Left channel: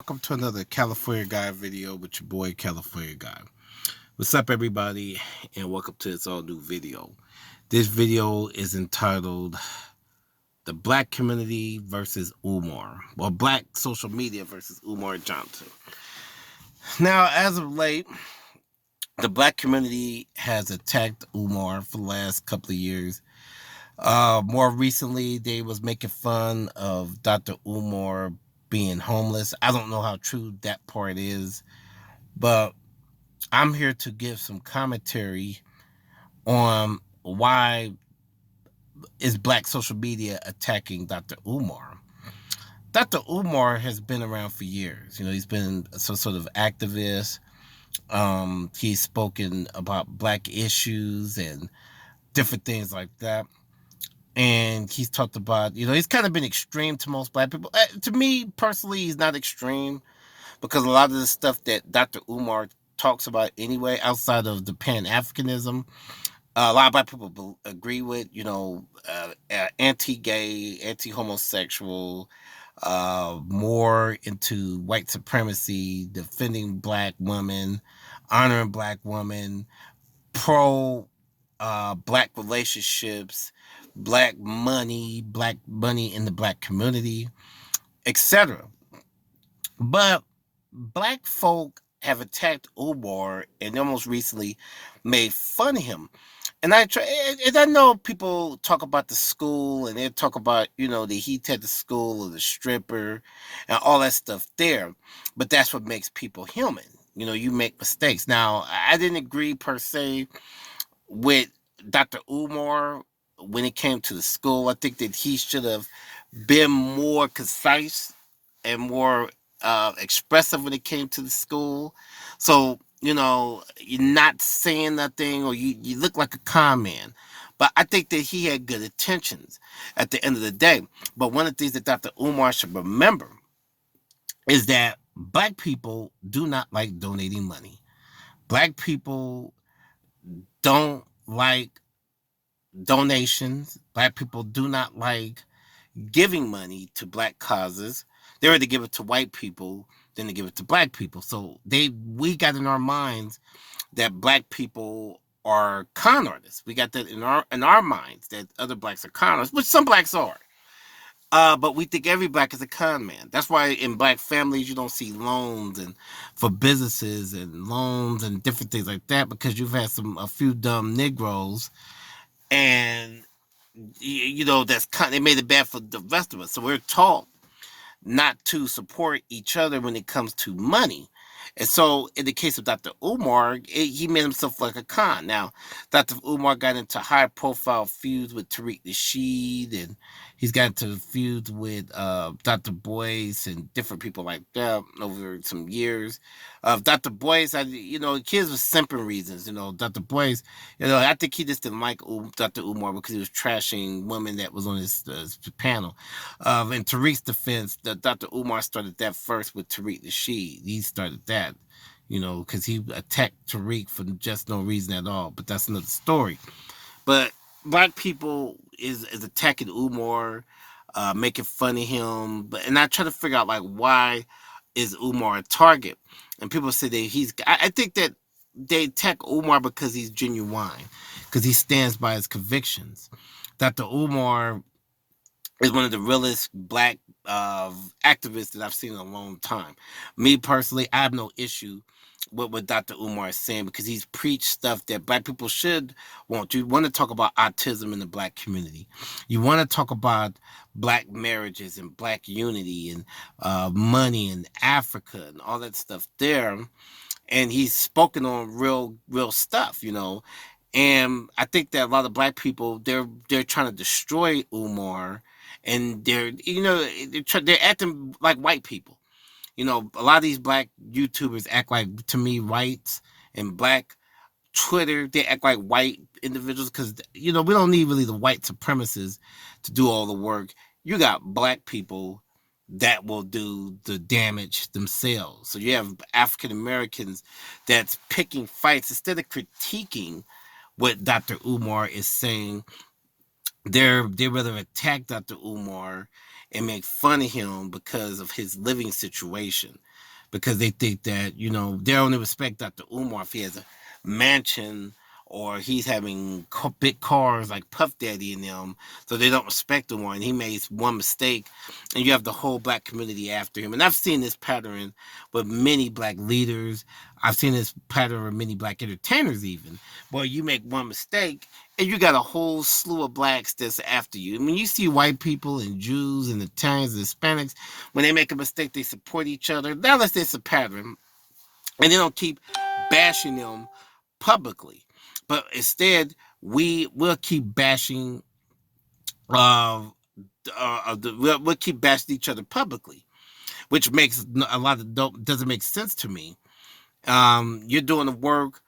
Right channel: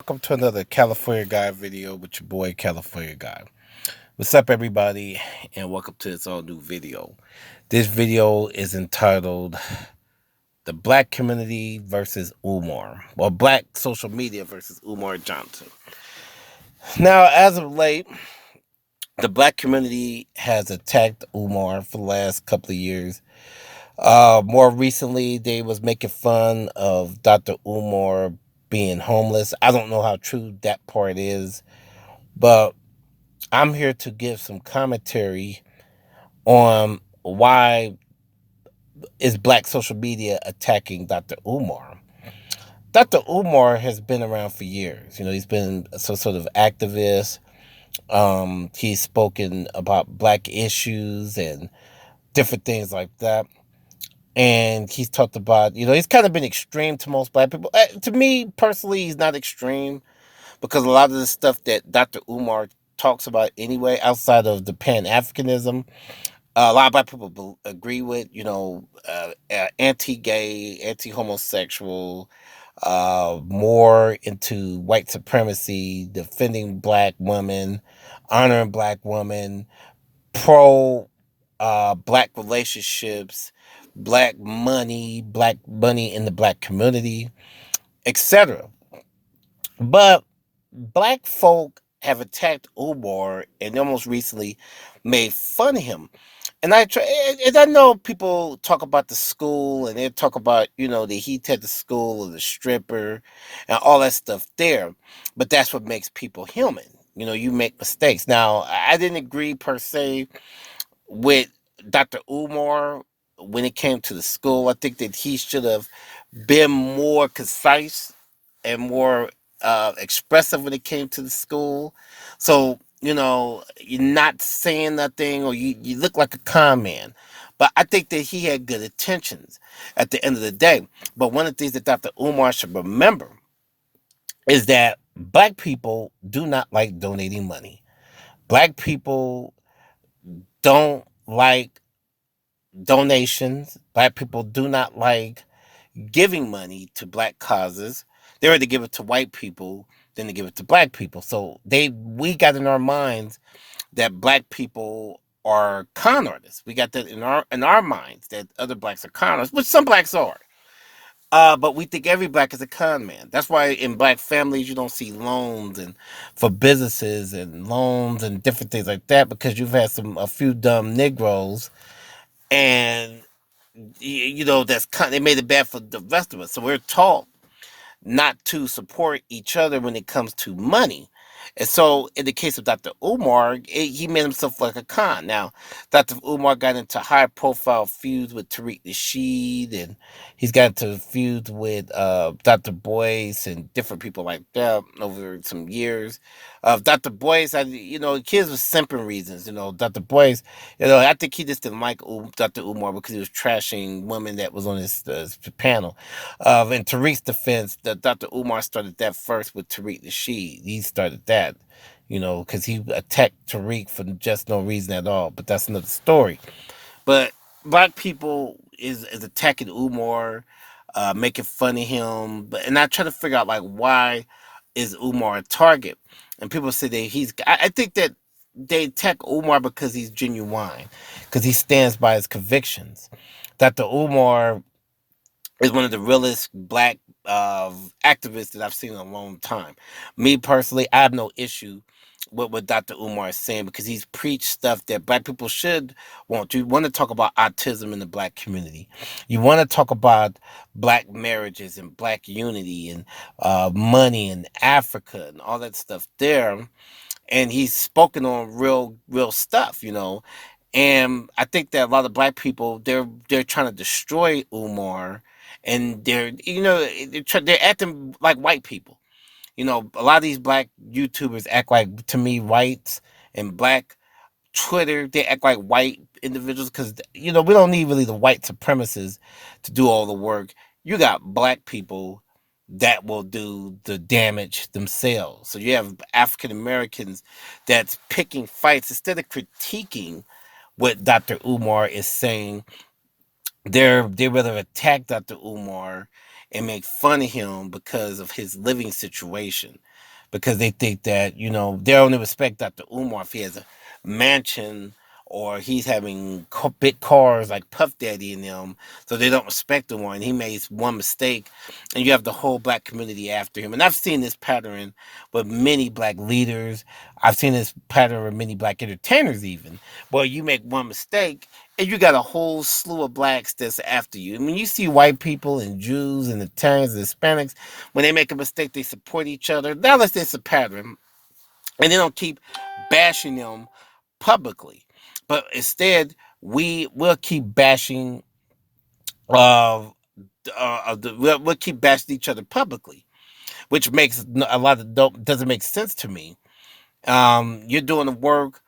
Welcome to another California Guy video with your boy California Guy. What's up, everybody, and welcome to this all new video. This video is entitled "The Black Community versus Umar," or Black Social Media versus Umar Johnson. Now, as of late, the Black community has attacked Umar for the last couple of years. More recently, they was making fun of Dr. Umar being homeless. I don't know how true that part is, but I'm here to give some commentary on why is black social media attacking Dr. Umar. Dr. Umar has been around for years. He's been some sort of activist. He's spoken about black issues and different things like that. And he's talked about, he's kind of been extreme to most black people. To me personally, he's not extreme because a lot of the stuff that Dr. Umar talks about anyway, outside of the Pan Africanism, a lot of black people agree with, anti-gay, anti-homosexual, more into white supremacy, defending black women, honoring black women, pro black relationships, black money in the black community, etc. But black folk have attacked Umar and almost recently made fun of him. And I know people talk about the school and they talk about, the heat at the school or the stripper and all that stuff there. But that's what makes people human. You make mistakes. Now, I didn't agree per se with Dr. Umar when it came to the school. I think that he should have been more concise and more expressive when it came to the school. So, you're not saying nothing or you look like a con man. But I think that he had good intentions at the end of the day. But one of the things that Dr. Umar should remember is that black people do not like donating money. Black people don't like donations. Black people do not like giving money to black causes. They rather give it to white people than to give it to black people. So we got in our minds that black people are con artists. We got that in our minds that other blacks are con artists, which some blacks are. But we think every black is a con man. That's why in black families you don't see loans and for businesses and loans and different things like that because you've had a few dumb Negroes and that's they made it bad for the rest of us. So we're taught not to support each other when it comes to money. And so, in the case of Dr. Umar, he made himself like a con. Now, Dr. Umar got into high-profile feuds with Tariq Nasheed, and he's got into feuds with Dr. Boyce and different people like that over some years. Dr. Boyce, kids with simping reasons. Dr. Boyce, I think he just didn't like Dr. Umar because he was trashing women that was on his panel. In Tariq's defense, Dr. Umar started that first with Tariq Nasheed. He started that, because he attacked Tariq for just no reason at all. But that's another story. But black people is attacking Umar, making fun of him. And I try to figure out like why is Umar a target? And people say that I think that they attack Umar because he's genuine, because he stands by his convictions. Dr. Umar is one of the realest black activists that I've seen in a long time. Me personally, I have no issue with what Dr. Umar is saying because he's preached stuff that black people should want. You want to talk about autism in the black community. You want to talk about black marriages and black unity and money and Africa and all that stuff there. And he's spoken on real stuff, And I think that a lot of black people they're trying to destroy Umar, and they're acting like white people. A lot of these black YouTubers act like, to me, whites, and black Twitter, they act like white individuals because we don't need really the white supremacists to do all the work. You got black people that will do the damage themselves. So you have African Americans that's picking fights instead of critiquing what Dr. Umar is saying. They rather attack Dr. Umar and make fun of him because of his living situation, because they think that, they only respect Dr. Umar if he has a mansion or he's having big cars like Puff Daddy and them, so they don't respect Umar. And he made one mistake, and you have the whole black community after him. And I've seen this pattern with many black leaders. I've seen this pattern with many black entertainers even, where you make one mistake and you got a whole slew of blacks that's after you. I mean, you see white people and Jews and Italians and Hispanics, when they make a mistake, they support each other. Now let's say it's a pattern, and they don't keep bashing them publicly, but instead we will keep bashing. We'll keep bashing each other publicly, which makes a lot of doesn't make sense to me. You're doing the work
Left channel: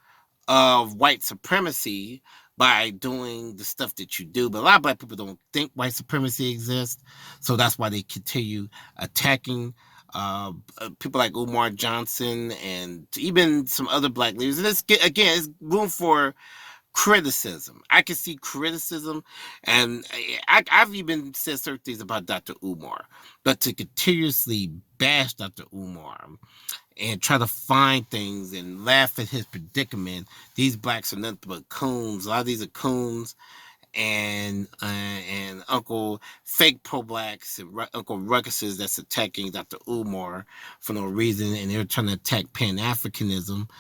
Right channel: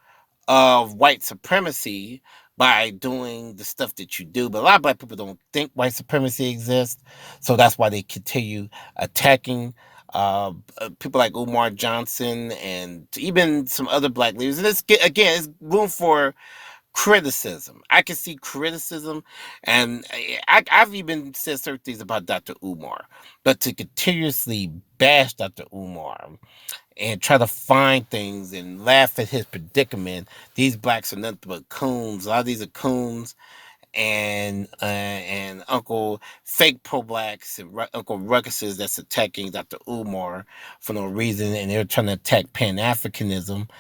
of white supremacy by doing the stuff that you do. But a lot of black people don't think white supremacy exists, so that's why they continue attacking people like Umar Johnson and even some other black leaders. And it's room for criticism. I can see criticism, and I've even said certain things about Dr. Umar, but to continuously bash Dr. Umar and try to find things and laugh at his predicament. These blacks are nothing but coons. A lot of these are coons and Uncle fake pro blacks and Uncle Ruckuses that's attacking Dr. Umar for no reason, and they're trying to attack Pan Africanism,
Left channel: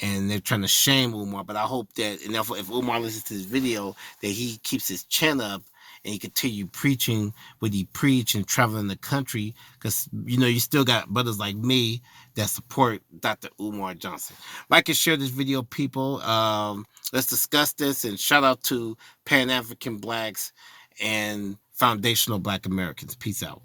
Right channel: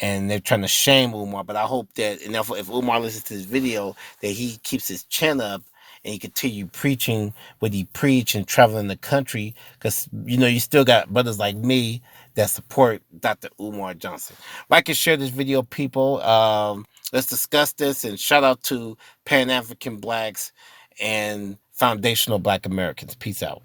and they're trying to shame Umar. But I hope that, and if Umar listens to this video, that he keeps his chin up and he continue preaching what he preach and traveling the country, because you still got brothers like me that support Dr. Umar Johnson. Like and share this video, people. Let's discuss this, and shout out to Pan African blacks and foundational black Americans. Peace out.